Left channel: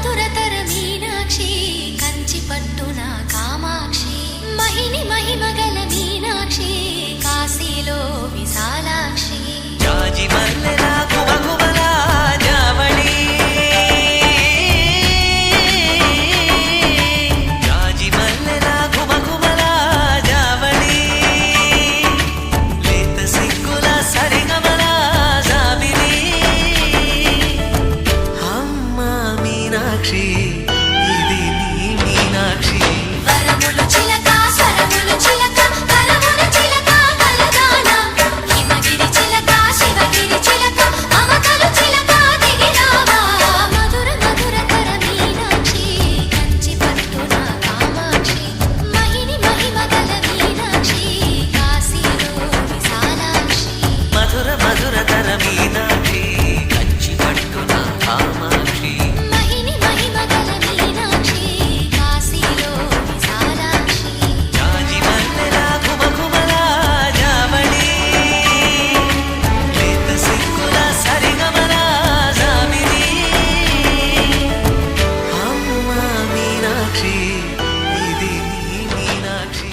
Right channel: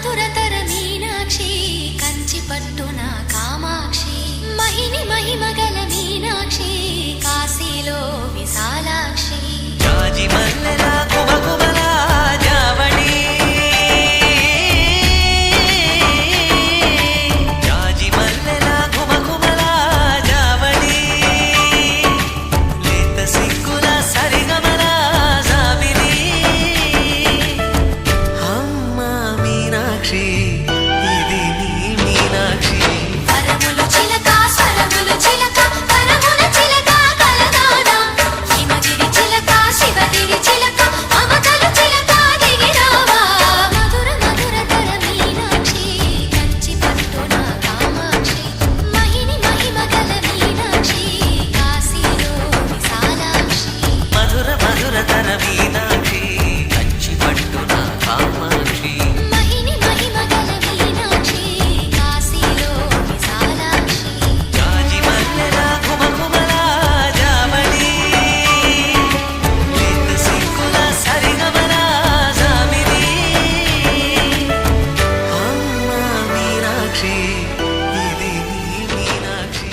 మధురతర మీనాక్షి కంచి పట్టున కామాక్షి మహిని మహిమగల మీనాక్షి కాశీలో విశాలాక్షి జాజి మల్లెల గుమగుమల జావళి జాజి మల్లెల గుమగుమల జావళి లేత సిగ్గుల సరిగమల జాబిలి అమ్మ మీనాక్షి ఇది నీ మీనాక్షి మధుర మధురతర మీనాక్షి కంచి పట్టున కామాక్షి మహిని మహిమగల మీనాక్షి కాశీలో విశాలాక్షి జాజి మల్లెల గుమగుమల జావళి లేత సిగ్గుల సరిగమల జాబిలి అమ్మ మీనాక్షి ఇది నీ మీనాక్షి